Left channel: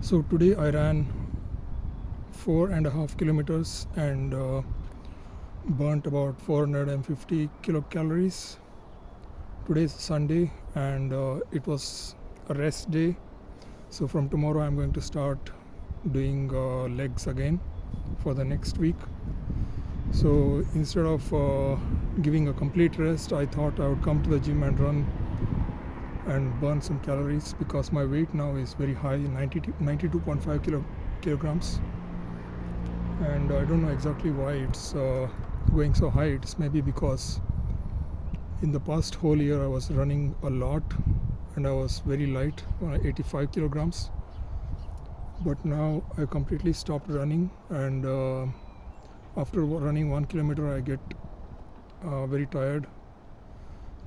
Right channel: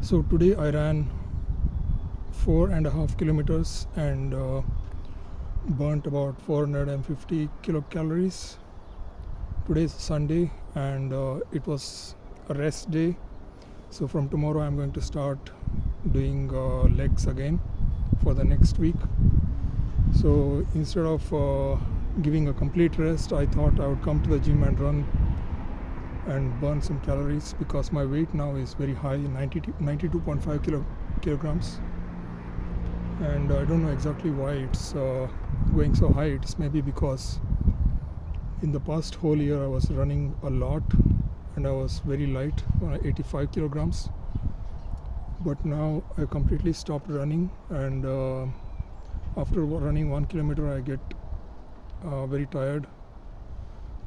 So today I ran 4.5 kilometers and burnt about 450 kilocalories. Today is Sunday and it was a rest day. So from tomorrow I'm going to start doing legs again for the next week. So instead of giving a complete rest, I thought I would come to the gym and run and burn some calories because my weight now is very high, 92.5 kilograms, and I don't know exactly why it's going so high. It's maybe because in the past whole year I was running a lot and I was very light, 85 kilograms, but now I completely stopped running, and after running 1 kilometer I get very tired.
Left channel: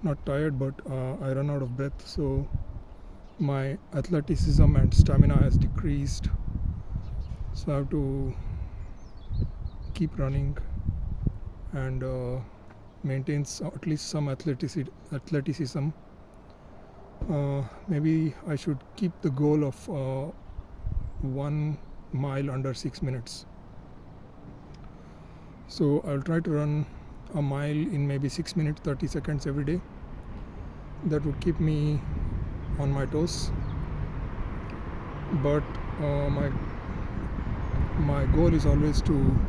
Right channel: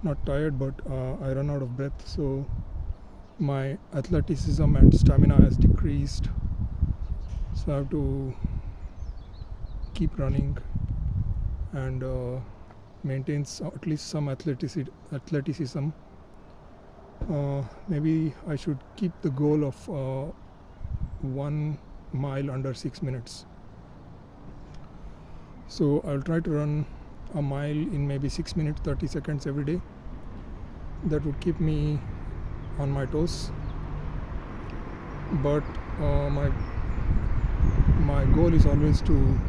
Not tired, but I run out of breath, so my athleticism and stamina has decreased, so I have to keep running and maintain at least some athleticism. Maybe I should keep the goal of 1 mile under 6 minutes. So I'll try to run a mile in maybe 6 minutes 30 seconds every day. That would keep me on my toes, but my goal is always to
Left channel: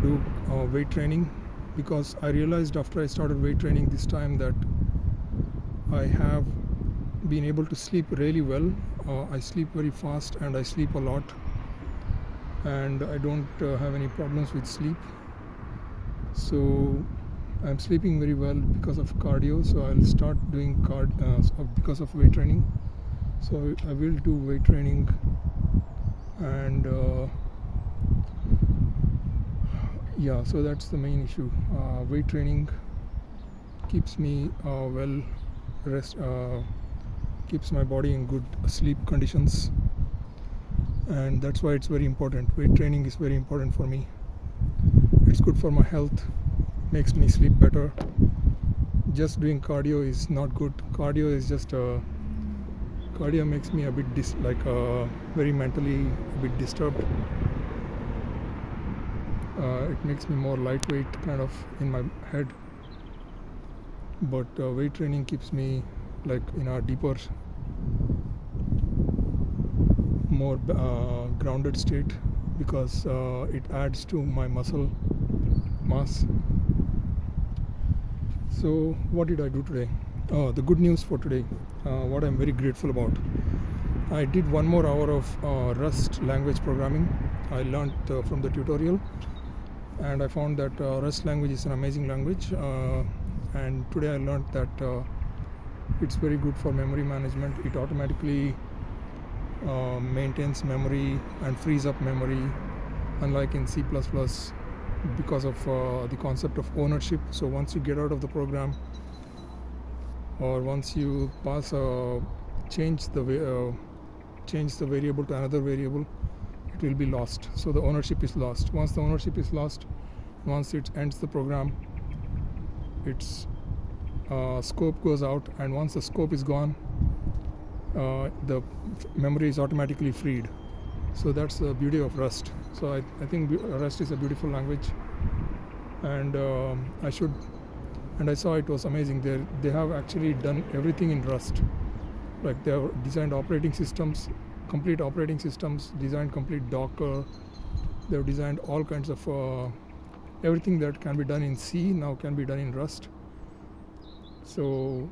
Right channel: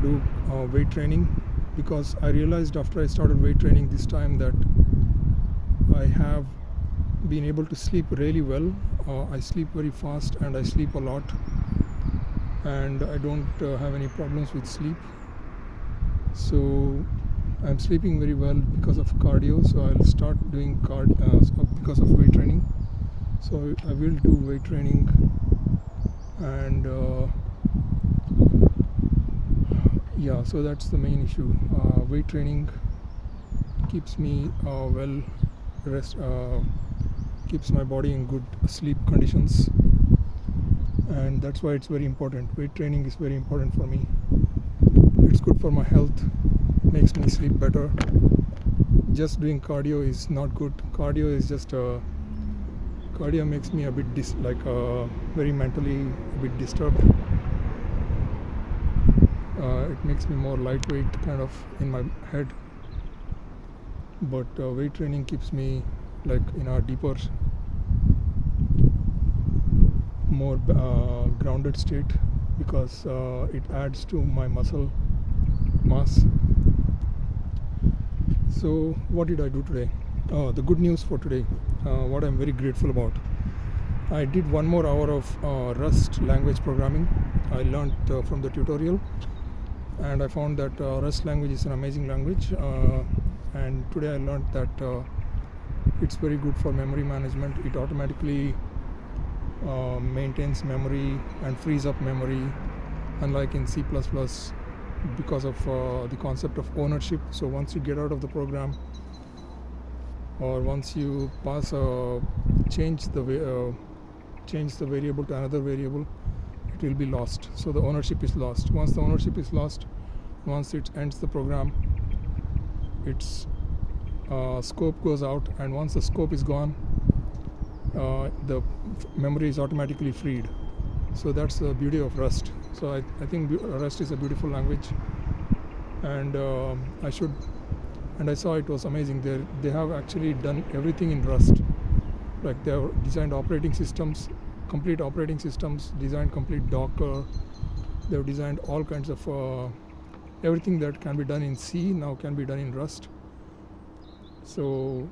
do weight training, because I realized after I started weight training this time that I have been able to sleep really well. I sleep very fast and I sleep a lot, and I don't have any problems with sleep. So I'm sleeping very well because of cardio, so I'll start doing because of weight training. So I will do weight training, and yeah, so that's the main issue. Weight training keeps me keeps my body in good sleep conditions, and that's why it's very important. Weight training is very important for me. It's good for my health, makes me sleep better. Just doing cardio is not good. Cardio is just cardio makes me a bit very mentally a bit disturbed. It makes me more lightweight kind of in my head, but weight training keeps me like in a deeper, more grounded state, because it adds to my muscle mass. So what did I do today? The good news for today, what I'm very grateful about, I did 1 more hour of Rust language programming. I learned from the tutorial, and I found that Rust language is an amazing language, and today I learned that it's very good for memory management. It automatically maintains memory and frees up memory, unlike in C++, because of the concept of ownership. So once you get out of the program, or once you change the variable to another variable, it will be lost. So the ownership is lost. Once the ownership is lost, once it ends the program, its scope goes out, and once the scope is gone, the memory is automatically freed. So that's the beauty of Rust. So I think Rust is a beautiful language, and I saw it was amazing. They have actually done everything in Rust. Like they have designed operating systems, complete operating systems, designed complete Docker. They've designed all kinds of everything that can be done in C now can be done in Rust. So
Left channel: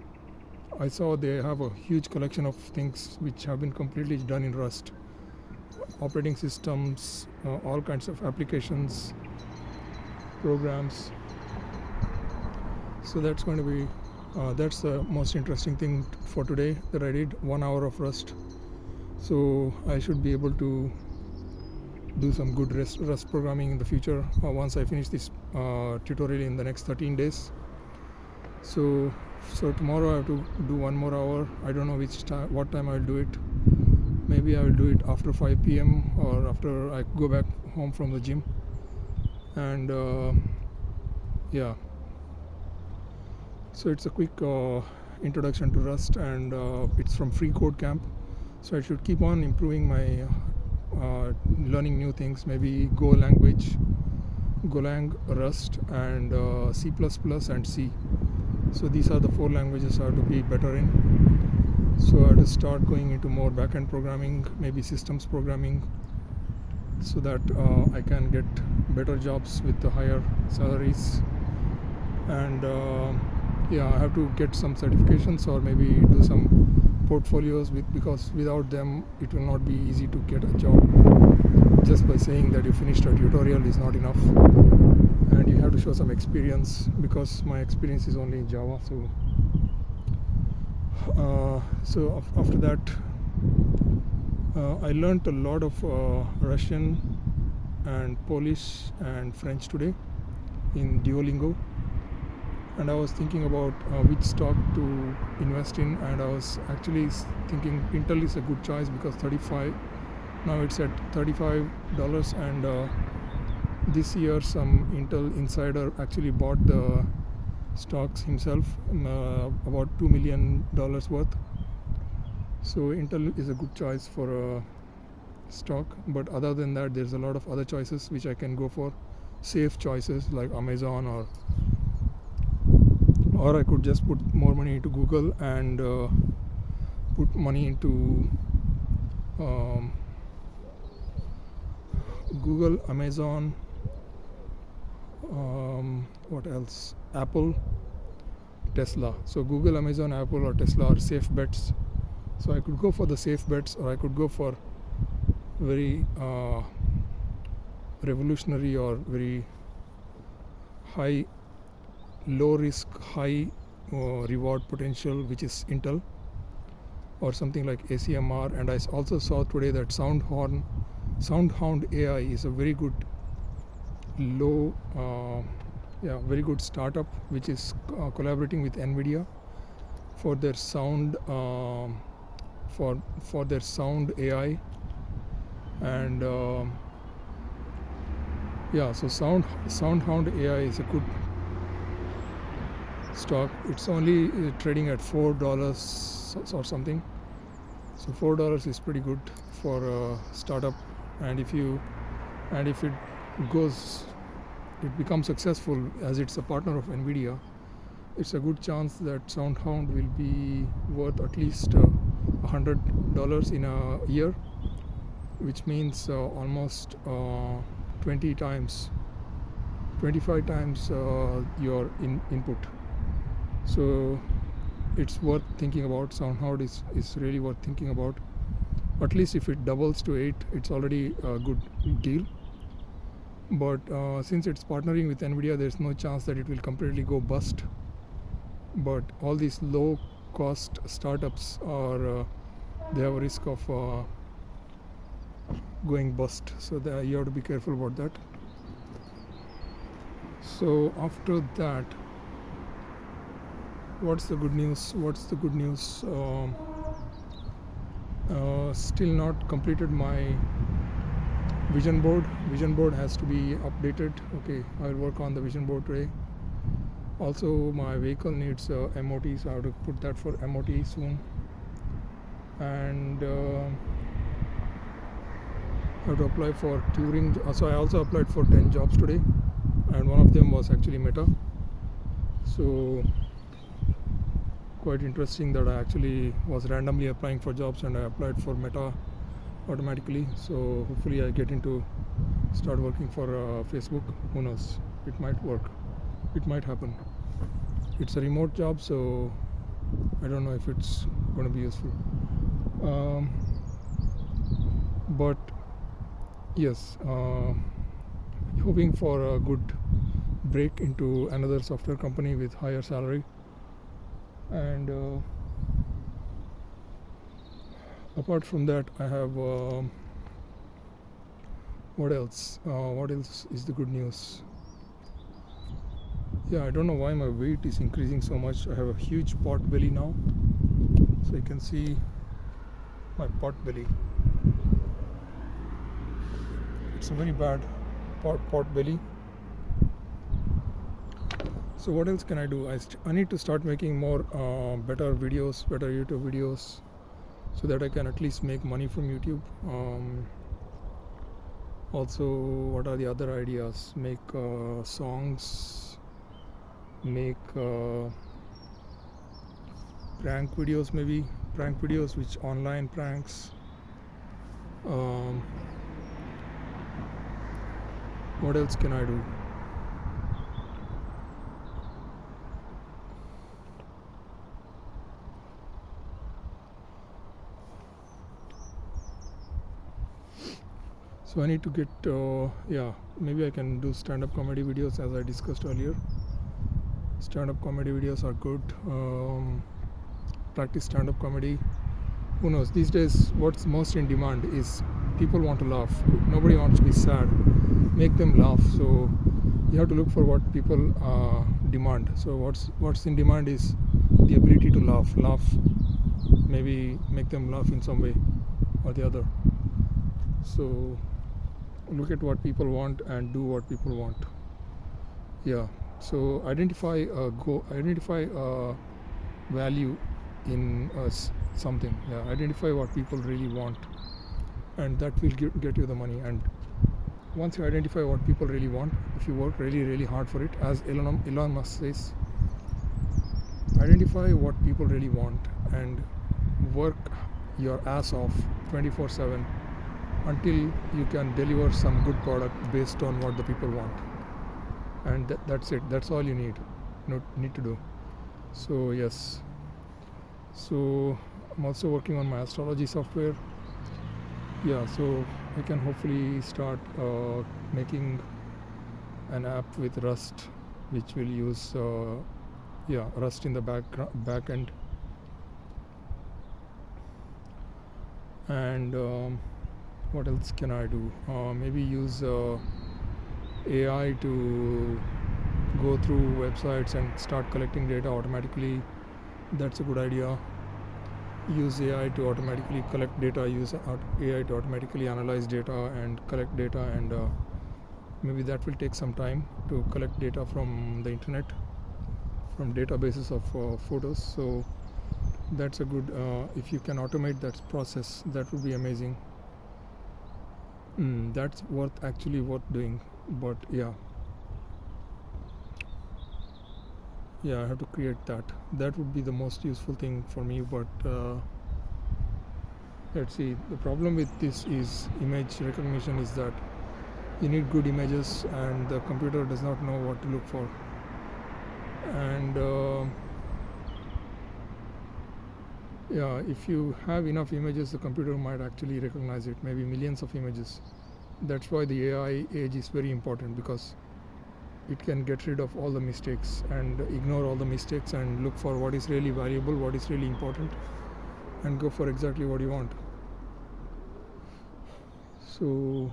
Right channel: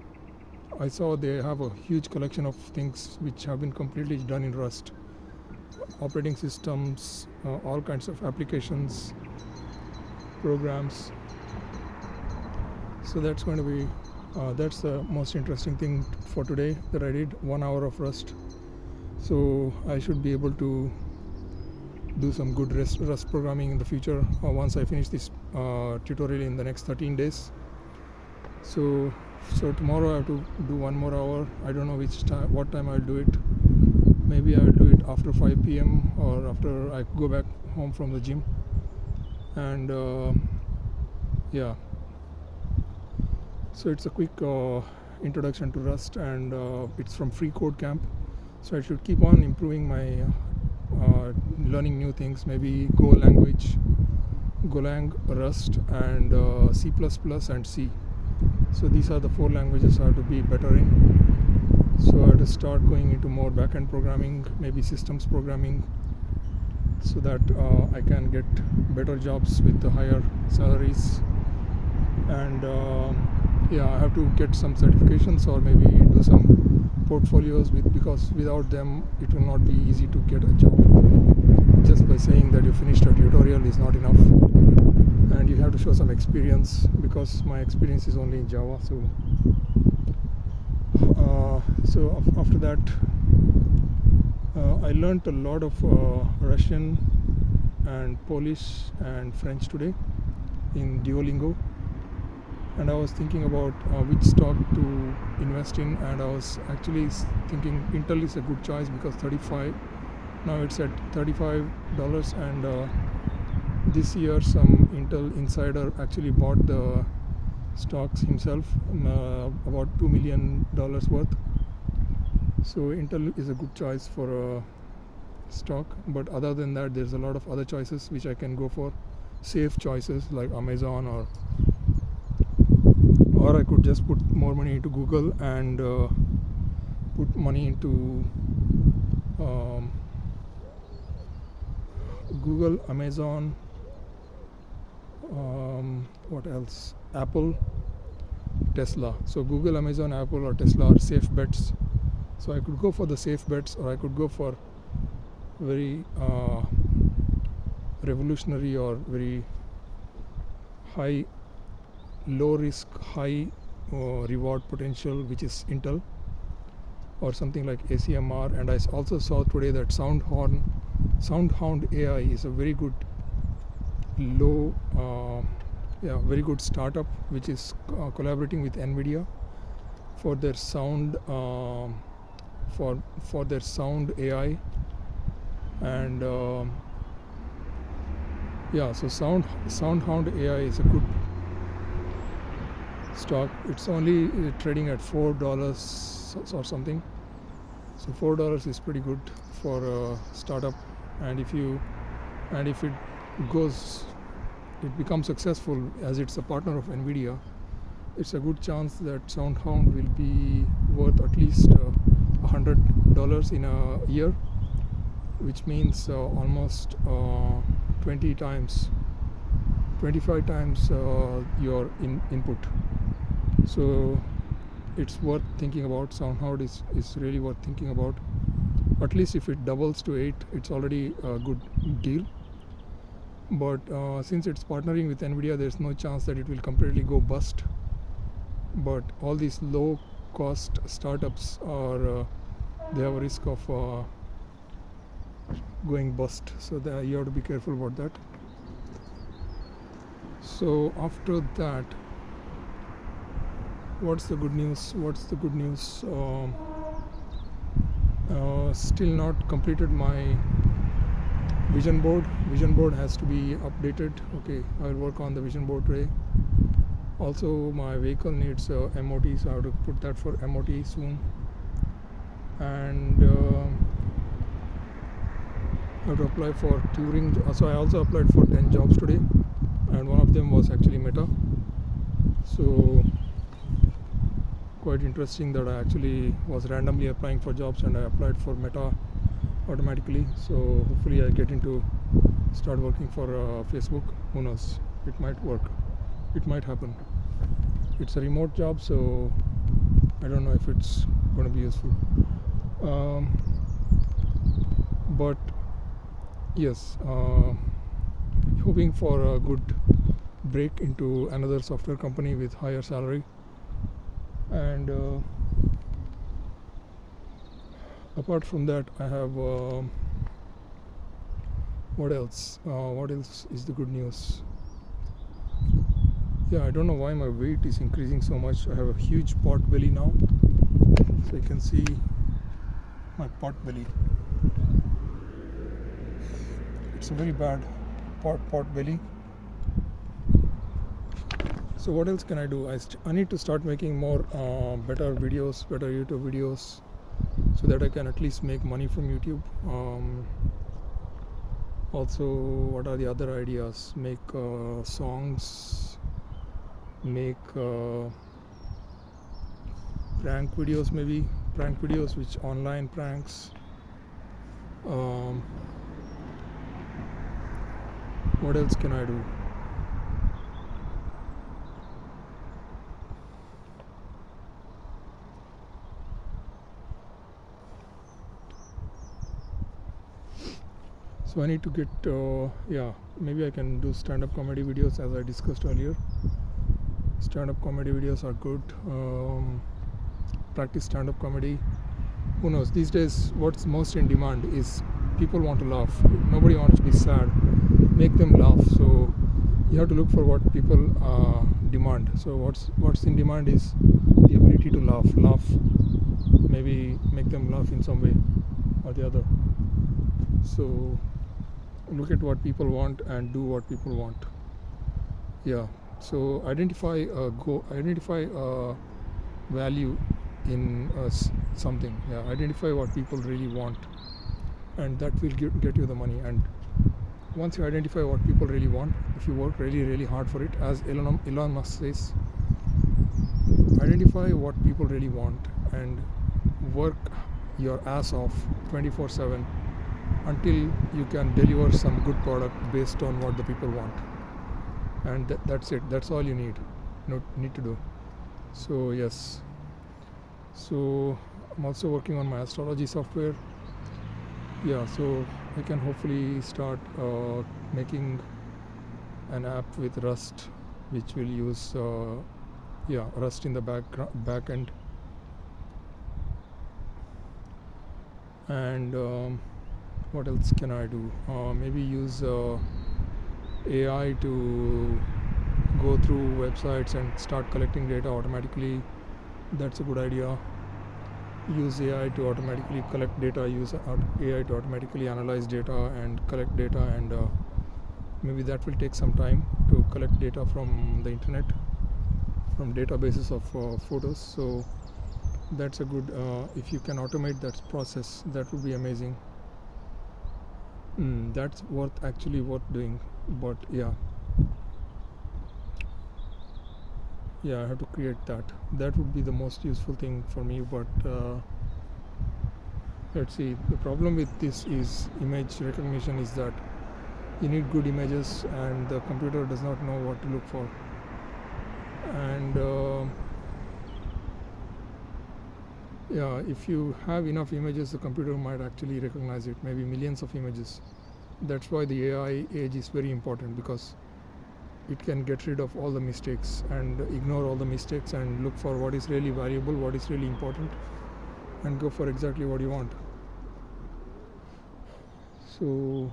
I saw they have a huge collection of things which have been completely done in Rust. Operating systems, all kinds of applications, programs. So that's going to be that's the most interesting thing for today, that I did 1 hour of Rust. So I should be able to do some good Rust programming in the future once I finish this tutorial in the next 13 days. So tomorrow I have to do 1 more hour. I don't know what time I'll do it. Maybe I will do it after 5 p.m. or after I go back home from the gym. And yeah, so it's a quick Introduction to Rust, and it's from Free Code Camp. So I should keep on improving my learning new things, maybe Go language, Golang, Rust, and C++ and C. So these are the 4 languages I have to be better in. So I have to start going into more backend programming, maybe systems programming, so that I can get better jobs with the higher salaries. And I have to get some certifications or maybe do some portfolios because without them it will not be easy to get a job. Just by saying that you finished a tutorial is not enough, and you have to show some experience, because my experience is only in Java. So after that I learned a lot of Russian and Polish and French today in Duolingo, and I was thinking about which stock to invest in, and I was actually thinking Intel is a good choice because 35, now it's at $35, and this year some Intel insider actually bought the stocks himself, about $2 million worth. So Intel is a good choice for a stock, but other than that there's a lot of other choices which I can go for, safe choices like Amazon, or I could just put more money into Google and put money into Google, Amazon, what else, Apple, Tesla. So Google, Amazon, Apple or Tesla are safe bets. So I could go for the safe bets, or I could go for very revolutionary or very low risk, high reward potential, which is Intel, or something like ACMR. And I also saw today that SoundHound AI is a very good very good startup which is collaborating with NVIDIA for their sound for their sound AI. And so SoundHound AI is a good stock. It's only trading at $4 or something, so $4 is pretty good for a startup. And if it becomes successful, as it's a partner of NVIDIA, it's a good chance that SoundHound will be worth at least $100 in a year, which means almost 25 times your input. So it's worth thinking about. SoundHound is really worth thinking about. At least if it doubles to 8, it's already a good deal. But since it's partnering with NVIDIA, there's no chance that it will completely go bust. But all these low cost startups they have a risk of going bust, so you have to be careful about that. So after that, what's the good news? Still not completed my vision board. Vision board has to be updated. Okay, I will work on the vision board today. Also my vehicle needs MOT, so I have to put that for MOT soon. And I have to apply for Turing. So I also applied for 10 jobs today, and one of them was actually Meta. So quite interesting that I actually was randomly applying for jobs, and I applied for Meta automatically. So hopefully I get into start working for Facebook. Who knows, it might work, it might happen. It's a remote job, so I don't know if it's going to be useful, but yes, hoping for a good break into another software company with higher salary. And apart from that, I have what else is the good news? I don't know why my weight is increasing so much. I have a huge pot belly now, so you can see my pot belly. It's a very bad pot belly. So what else can I do? I need to start making more better videos, better YouTube videos, so that I can at least make money from YouTube. Also, what are the other ideas? Make songs, make prank videos, maybe prank videos, which online pranks. What else can I do? So I need to get maybe I can do stand-up comedy videos, as I discussed earlier. Stand-up comedy videos are good. Practice stand-up comedy. Who knows, these days what's most in demand is people want to laugh. Nobody wants to be sad. Make them laugh. So you have to look for what people demand. So what's in demand is the ability to laugh, maybe make them laugh in some way or the other. So look at what people want and do what people want. So identify value in something. Identify what people really want, and that will get you the money. And once you identify what people really want, if you work really, really hard for it, as Elon Musk says, identify what people really want and work your ass off 24/7 until you can deliver some good product based on what the people want. And that's it. That's all you need to do. So yes. So I'm also working on my astrology software. So I can hopefully start making an app with Rust, which will use Rust in the back end. And what else can I do? Maybe use AI to go through websites and start collecting data automatically. That's a good idea. Use AI to automatically collect data, use AI to automatically analyze data and collect data, and maybe that will take some time to collect data from the internet, from databases of photos. So that's a good, if you can automate that process, that would be amazing. That's actually worth doing. But I have to create that. That would be the most useful thing for me. But let's see, the problem with this is image recognition is that you need good images and the computer does not know what to look for. And if you have enough images, the computer might actually recognize it, maybe millions of images. That's why the AI age is very important, because it can get rid of all the mistakes and ignore all the mistakes and look for what is really valuable, what is really important, and go for exactly what you want. So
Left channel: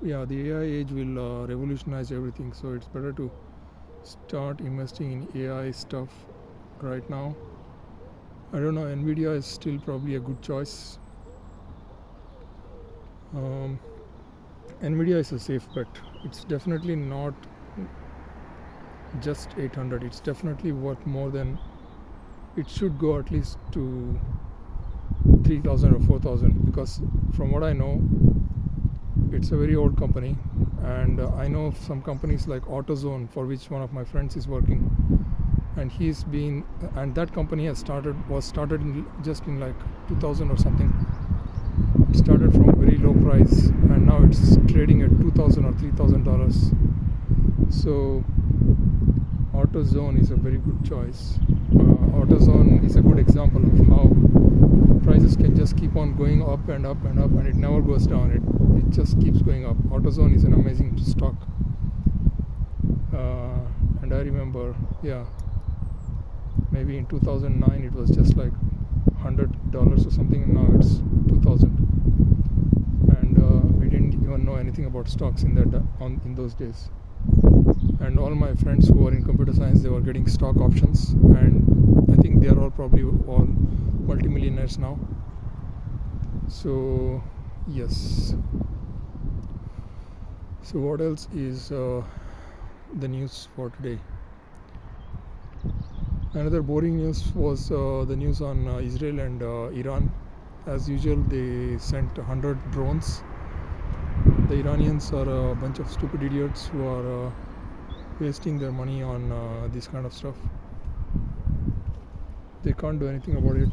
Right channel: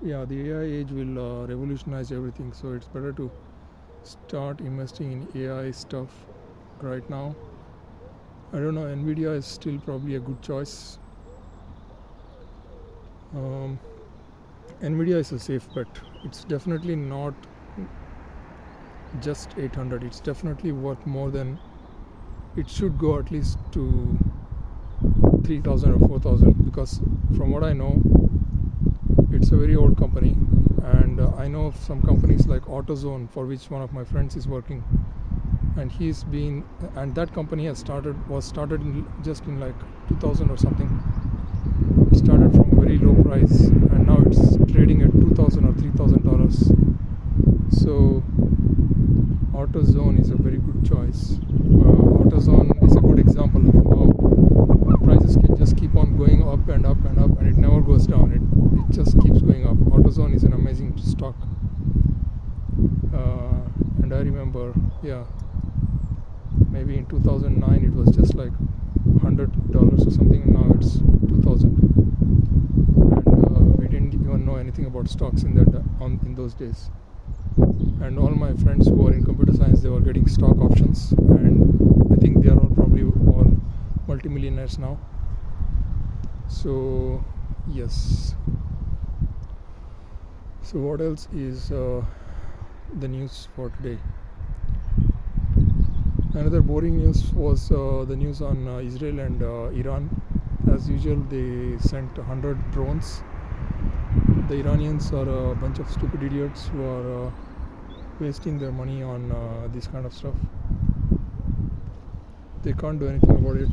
the AI age will revolutionize everything. So it's better to start investing in AI stuff right now. I don't know, Nvidia is still probably a good choice. Nvidia is a safe bet. It's definitely not just 800. It's definitely worth more than, it should go at least to 3,000 or 4,000, because from what I know, it's a very old company. And I know of some companies like AutoZone, for which one of my friends is working, and that company was started in like 2000 or something. It started from a very low price, and now it's trading at $2,000 or $3,000. So AutoZone is a very good choice. AutoZone is a good example of how prices can just keep on going up and up and up, and it never goes down. It just keeps going up. AutoZone is an amazing stock. And I remember, maybe in 2009 it was just like $100 or something, and now it's 2,000. And we didn't even know anything about stocks in those days. And all my friends who were in computer science, they were getting stock options, and I think they are probably all multimillionaires now. So yes. So what else is the news for today? Another boring news was the news on Israel and Iran. As usual, they sent 100 drones. The Iranians are a bunch of stupid idiots who are wasting their money on this kind of stuff. They can't do anything about it.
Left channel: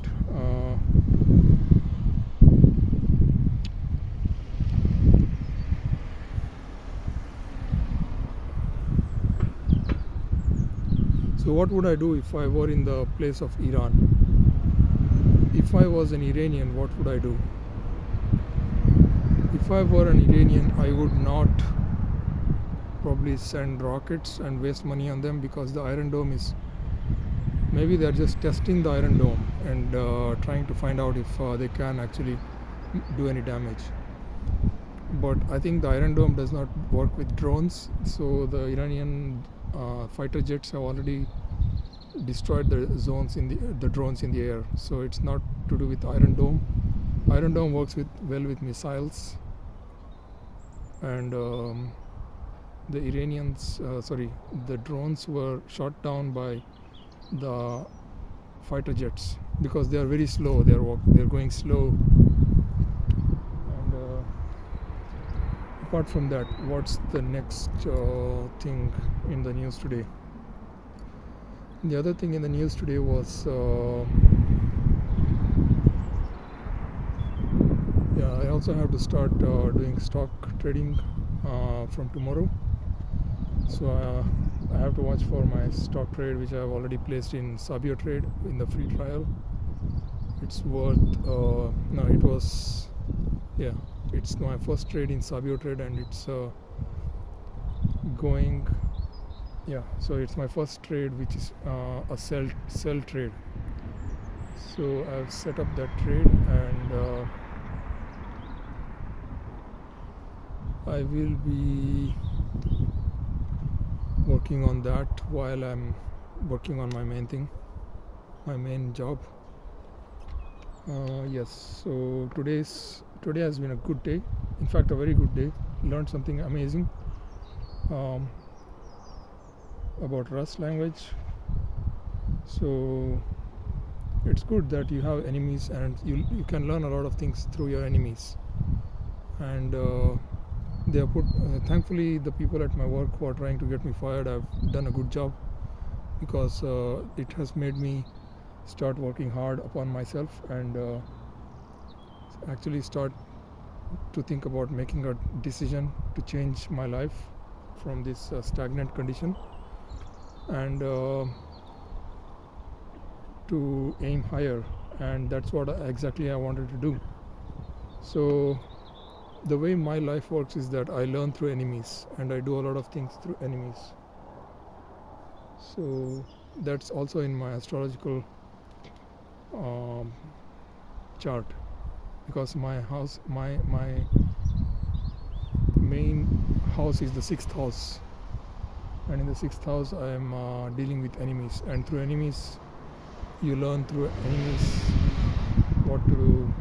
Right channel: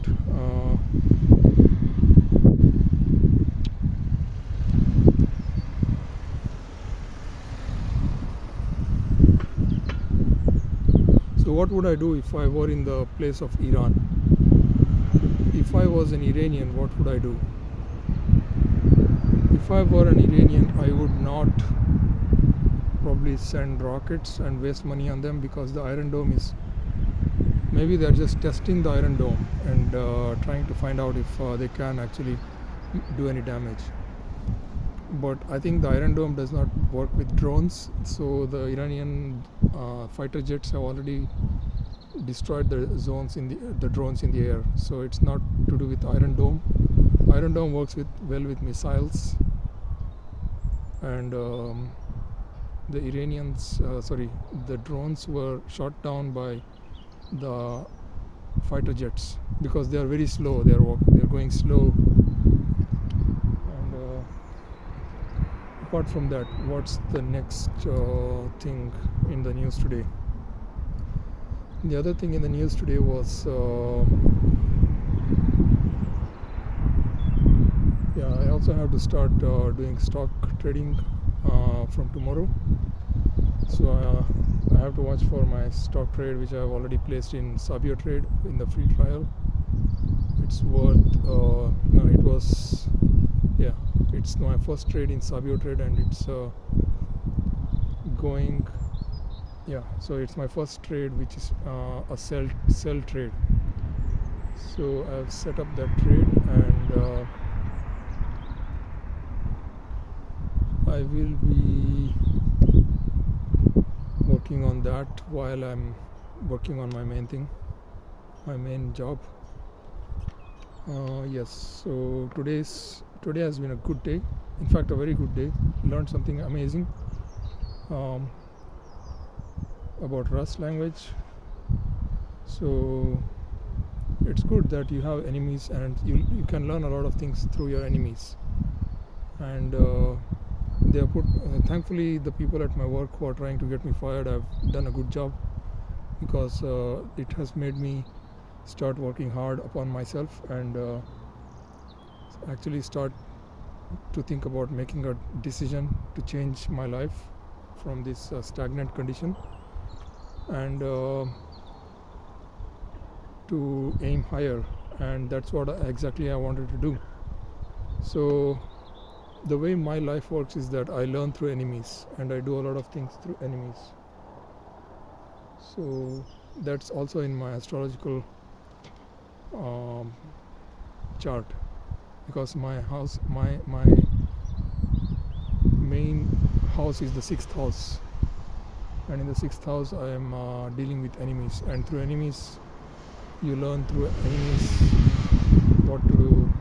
So what would I do if I were in the place of Iran? If I was an Iranian, what would I do? If I were an Iranian, I would not probably send rockets and waste money on them, because the Iron Dome is, maybe they're just testing the Iron Dome and trying to find out if they can actually do any damage. But I think the Iron Dome does not work with drones, so the Iranian fighter jets have already destroyed the drones in the air. So it's not to do with Iron Dome. Iron Dome works well with missiles, and the drones were shot down by the fighter jets because they are very slow. They're going slow. And apart from that, what's the next thing in the news today? The other thing in the news today was I also have to start doing stock trading from tomorrow. So I have to watch for my stock trade, which I have already placed in Sabio Trade in the free trial. It's worth it's my first trade in Sabio Trade, and it's going. So it's my first trade, which is a sell trade. So I've set up that trade, and I will be working on that while I'm working on my main job. Yes, so today has been a good day. In fact, a very good day. Learned something amazing about Rust language. So it's good that you have enemies, and you can learn a lot of things through your enemies. And they have put thankfully the people at my work who are trying to get me fired have done a good job, because it has made me start working hard upon myself and actually start to think about making a decision to change my life from this stagnant condition, and to aim higher. And that's what exactly I wanted to do. So the way my life works is that I learn through enemies, and I do a lot of things through enemies. So that's also in my astrological chart, because my main house is the 6th house, and in the 6th house I am dealing with enemies, and through enemies you learn through enemies what to do.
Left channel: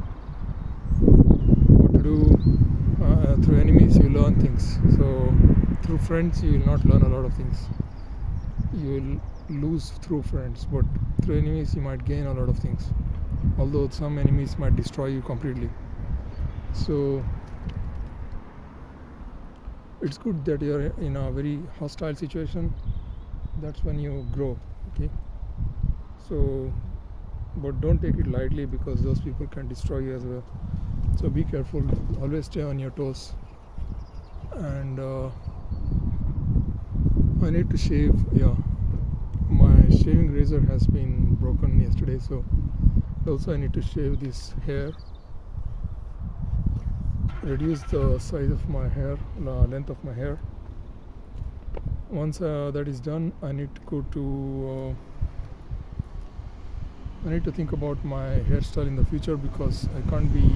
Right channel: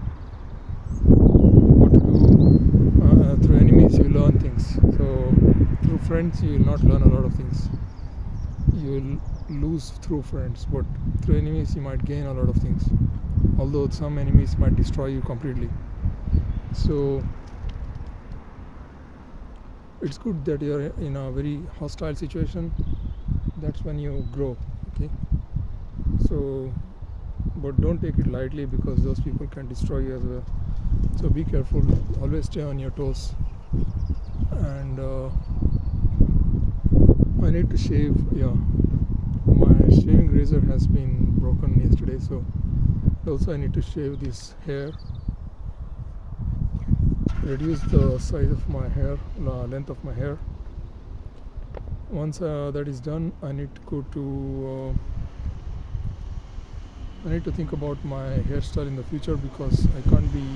Through enemies you learn things. So through friends you will not learn a lot of things. You will lose through friends, but through enemies you might gain a lot of things, although some enemies might destroy you completely. So it's good that you're in a very hostile situation. That's when you grow. Okay, so but don't take it lightly, because those people can destroy you as well. So be careful, always stay on your toes. And I need to shave. My shaving razor has been broken yesterday, so also I need to shave this hair, reduce the size of my hair, length of my hair. Once that is done, I need to think about my hairstyle in the future, because I can't be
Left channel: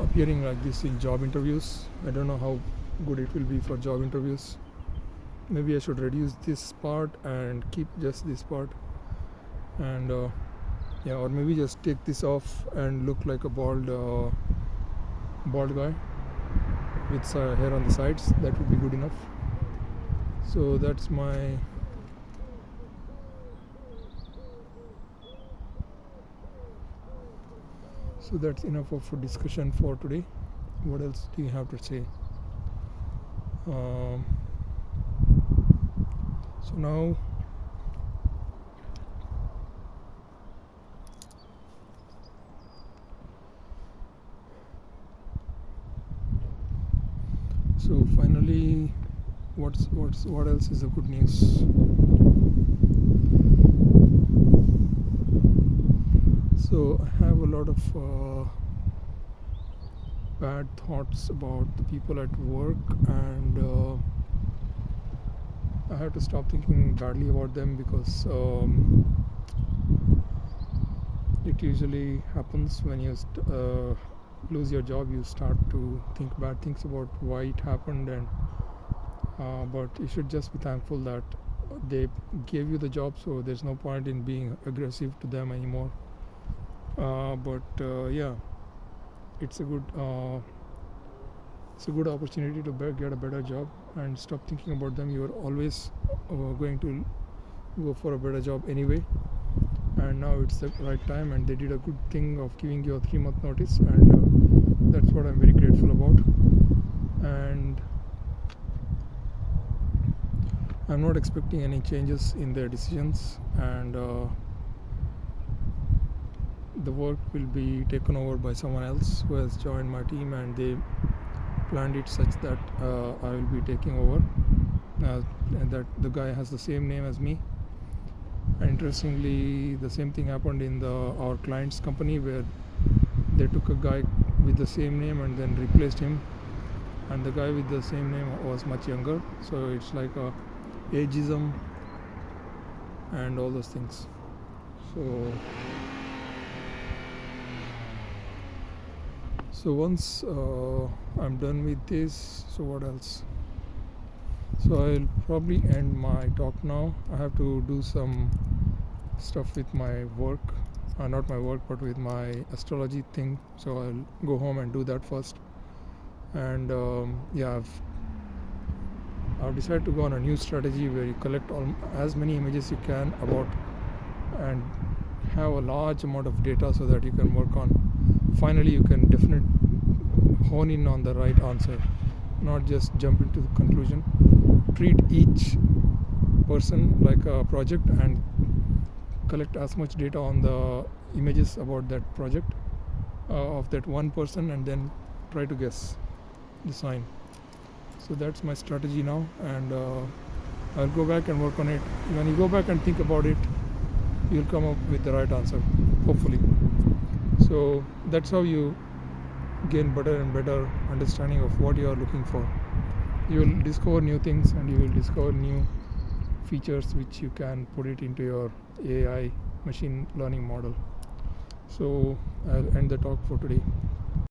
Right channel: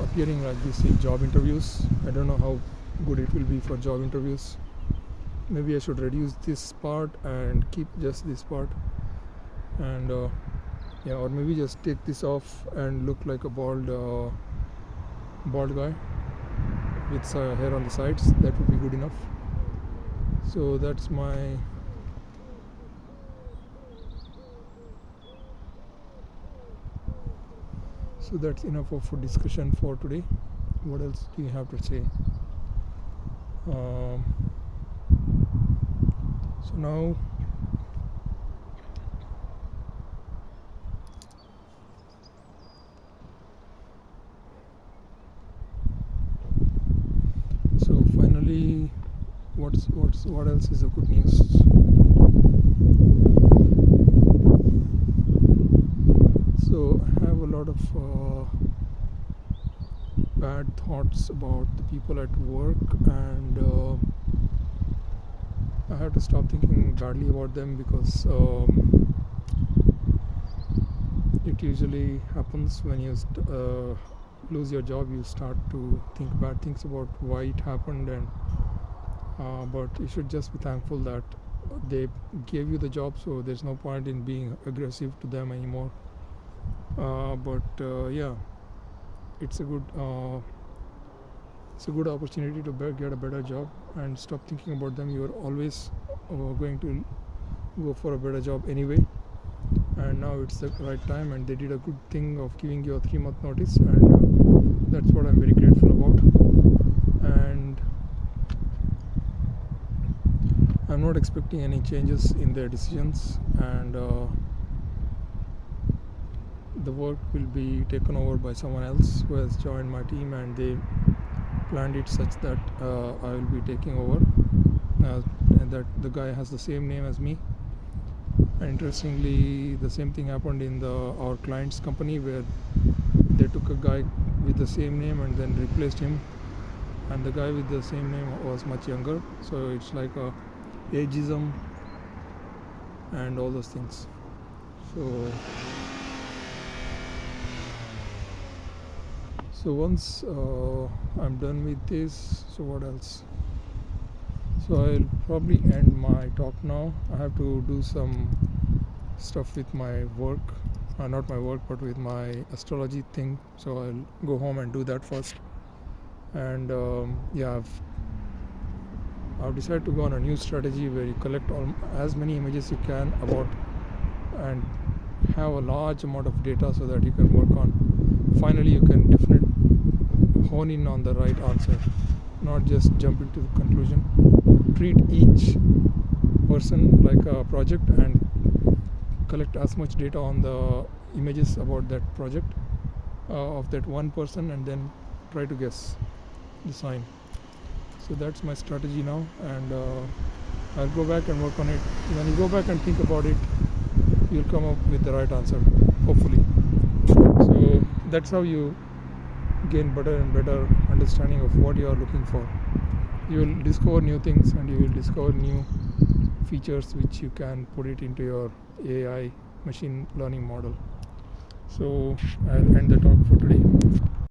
appearing like this in job interviews. I don't know how good it will be for job interviews. Maybe I should reduce this part and keep just this part, and or maybe just take this off and look like a bald guy with hair on the sides. That would be good enough. So that's my So that's enough of discussion for today. What else do you have to say? So now finally, what else is the good news? So I have a lot of bad thoughts about the people at work, and I have to stop thinking badly about them, because it usually happens when you lose your job. You start to think bad things about why it happened, and but you should just be thankful that they gave you the job, so there's no point in being aggressive to them anymore. Yeah, it's a good opportunity to get a better job, and stop thinking about them. You're always going to go for a better job anyway, and now it's the right time, and they did a good thing of giving you a 3-month notice, and that's what I'm very grateful about. And I'm not expecting any changes in their decisions, and the work will be taken over by someone else who has joined my team, and they planned it such that I will be taking over, and that the guy has the same name as me. And interestingly, the same thing happened in our client's company, where they took a guy with the same name and then replaced him, and the guy with the same name was much younger. So it's like a ageism and all those things. So once I'm done with this, so what else? So I'll probably end my talk now. I have to do some stuff with my work, not my work, but with my astrology thing. So I'll go home and do that first. And yeah, I've decided to go on a new strategy where you collect as many images you can about, and have a large amount of data, so that you can work on. Finally, you can definitely hone in on the right answer, not just jump into the conclusion. Treat each person like a project, and collect as much data on the images about that project of that one person, and then try to guess the sign. So that's my strategy now, and I'll go back and work on it. When you go back and think about it, you'll come up with the right answer, hopefully. So that's how you gain better and better understanding of what you are looking for. You will discover new things, and you will discover new features which you can put it into your AI machine learning model. So I'll end the talk for today.